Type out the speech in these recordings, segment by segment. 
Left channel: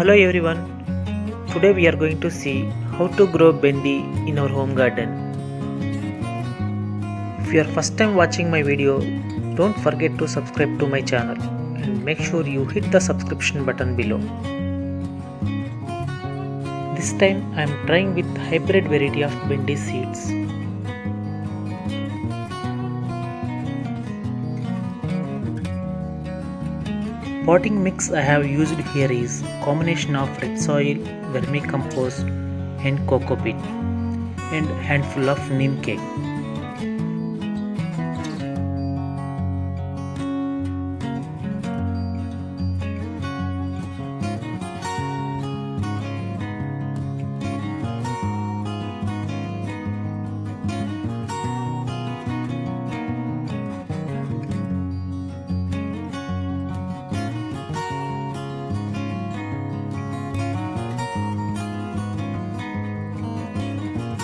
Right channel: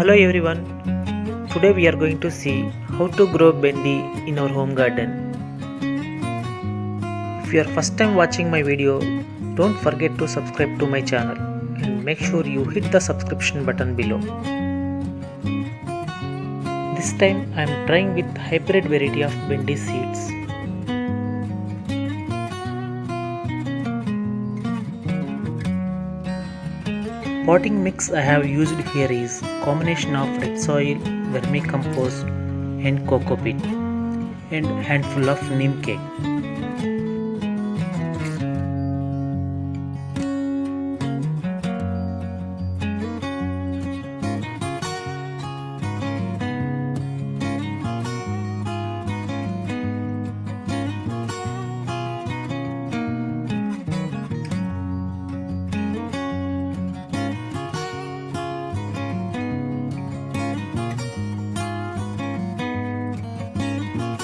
Hello everyone. Today we are going to see how to grow Bhendi in our home garden. If you are first time watching my video, don't forget to subscribe to my channel and make sure you hit the subscription button below. This time I am trying with hybrid variety of Bhendi seeds. Potting mix I have used here is combination of red soil, vermicompost and coco peat and handful of neem cake.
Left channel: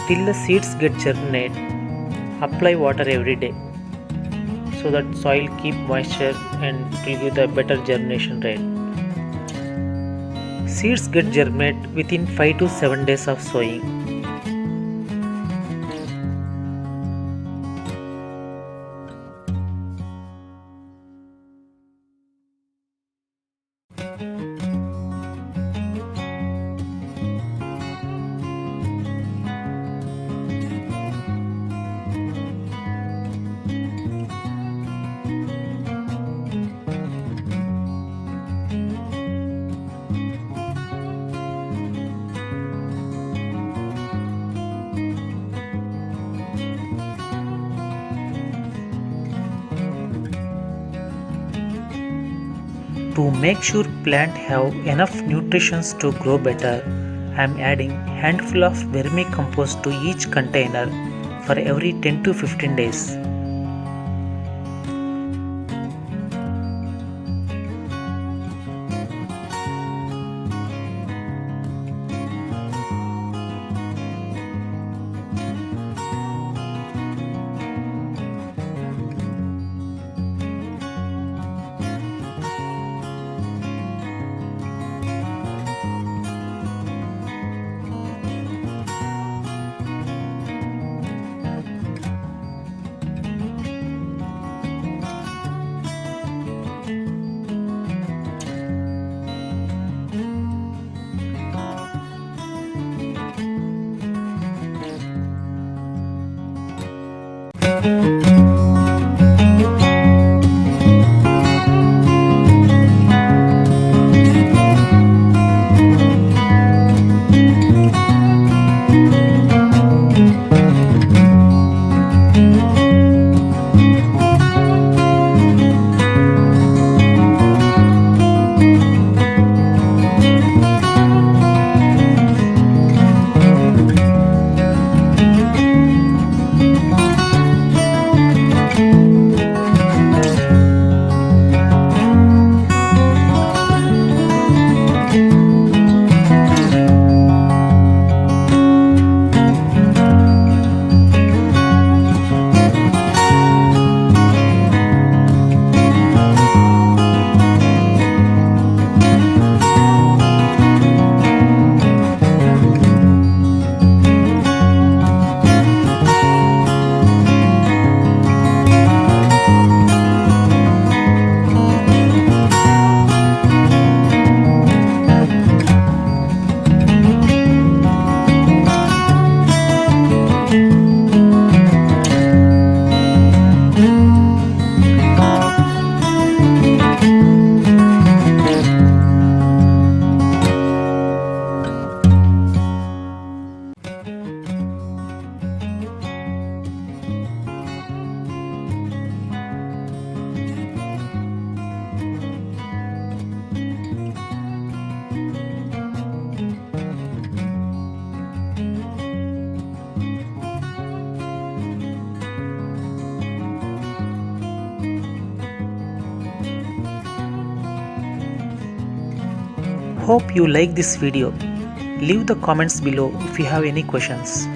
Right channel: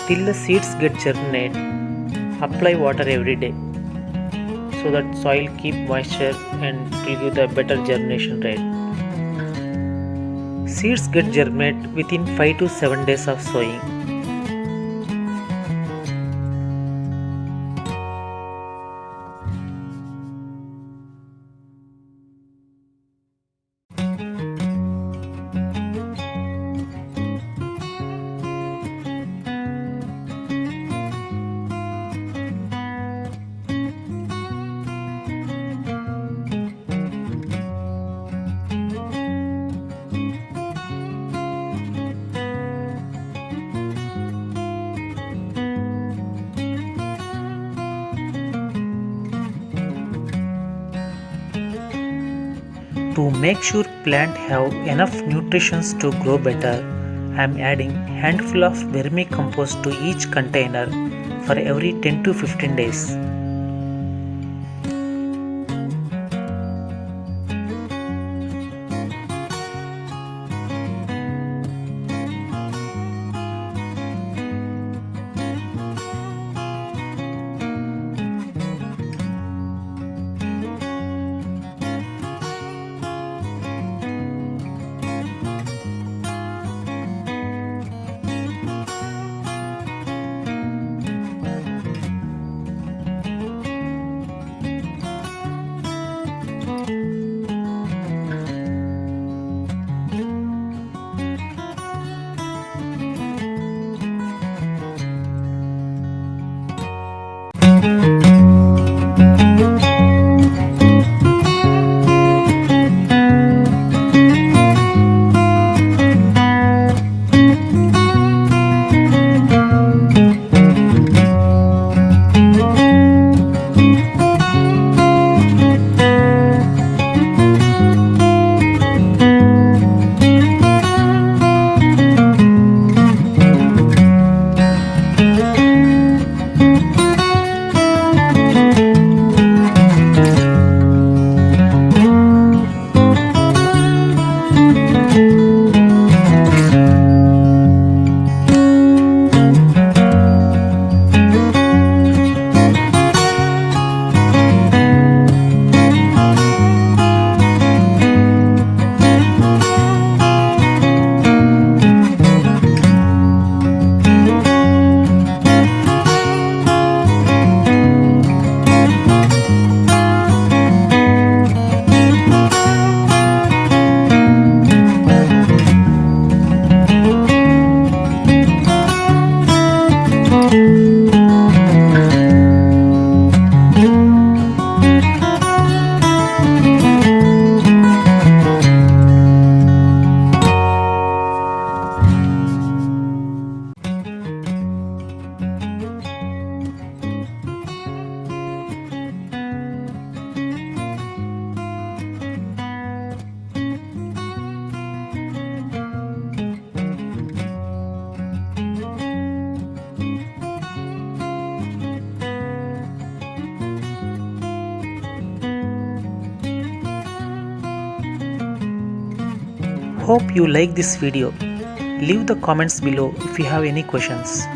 Till the seeds get germinate, apply water every day so that soil keep moisture and it will give the better germination rate. Seeds get germinate within 5 to 7 days of sowing. To make sure plant have enough nutrition to grow better, I am adding handful of vermicompost to each container for every 10 to 15 days. Hope you like this video. Leave the comments below if you have any questions.